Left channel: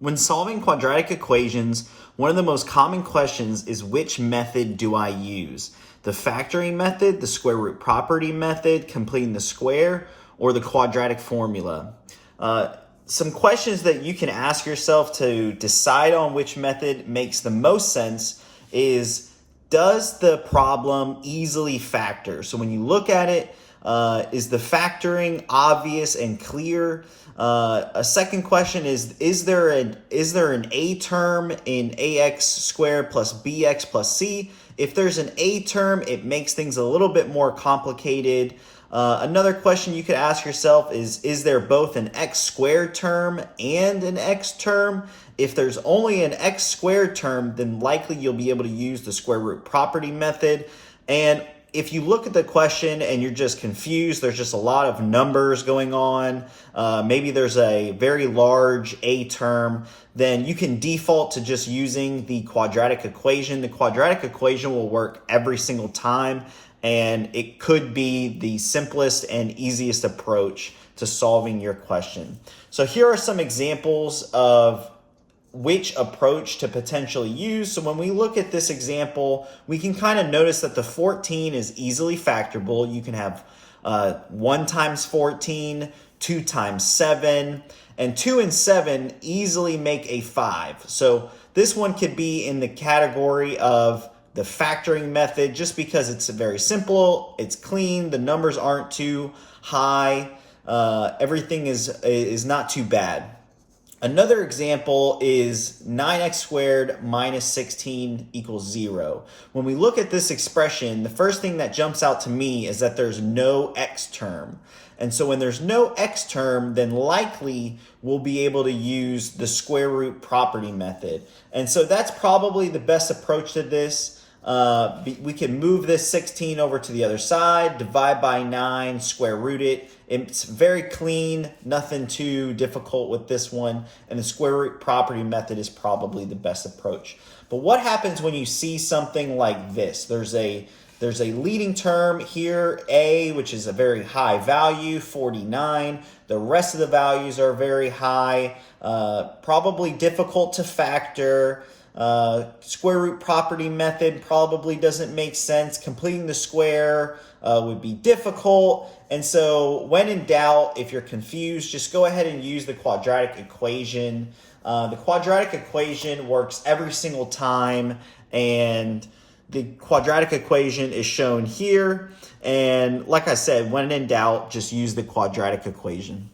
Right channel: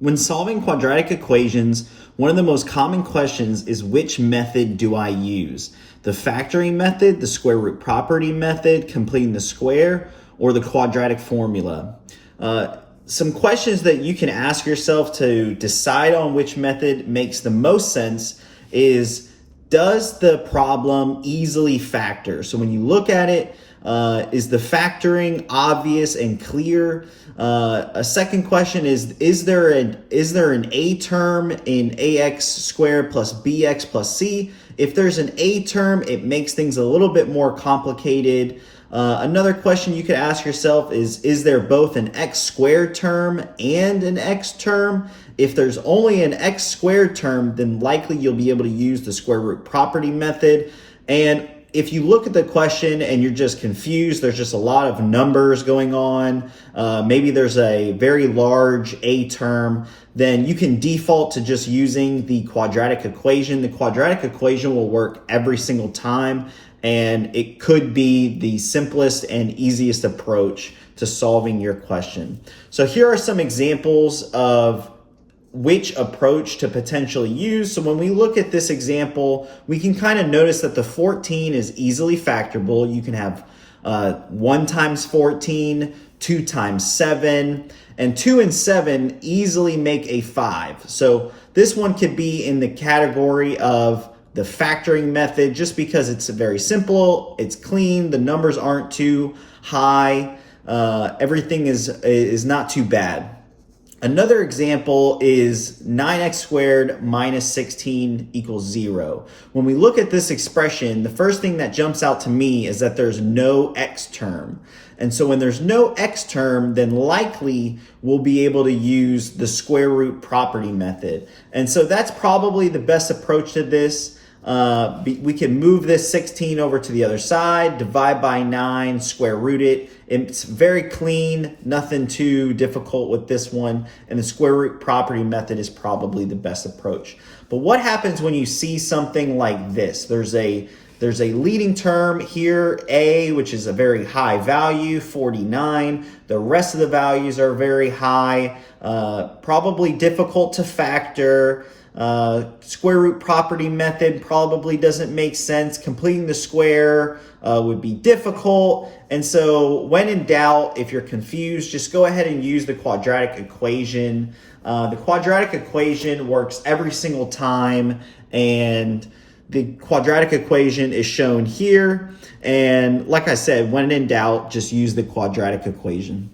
When solving quadratic equations, one of the most common questions is which method do I use? The factoring method, the square root property method, completing the square, or the quadratic formula? Some questions that you can ask yourself to decide on which method makes the most sense is, does the problem easily factor? So when you look at it, is the factoring obvious and clear? A second question is there an a term in ax squared plus bx plus c? If there's an a term, it makes things a little bit more complicated. Another question you could ask yourself is there both an x squared term and an x term? If there's only an x squared term, then likely you'll be able to use the square root property method. And if you look at the question and you're just confused, there's just a lot of numbers going on, maybe there's a very large a term, then you can default to just using the quadratic equation. The quadratic equation will work every single time, and it could be the simplest and easiest approach to solving your question. So here are some examples of which approach to potentially use. So when we look at this example, we can kind of notice that the 14 is easily factorable. You can have 1 times 14, 2 times 7, and 2 and 7 easily make a 5. So this one could be in the category of the factoring method just because it's very simple, it's clean, the numbers aren't too high, everything is not too bad. Another example is 9x squared minus 16 equals 0. When we look at this expression, the first thing that jumps out to me is that there's no x term. And so when there's no x term, then likely we'll be able to use the square root property method. And so that's probably the best approach to this. We can move this 16 over to the other side, divide by 9, square root it. It's very clean, nothing too difficult with this one, and the square root property method is probably the best approach. But what happens when you see something like this? There's a leading term here, a, which is a very high value, 49. The rest of the values are very high, probably difficult to factor. Square root property method probably doesn't make sense. Completing the square would be difficult. And so when in doubt, if you're confused, just go ahead and use the quadratic equation. The quadratic equation works every single time, and the quadratic equation is shown here. And like I said, when in doubt, just use the quadratic equation.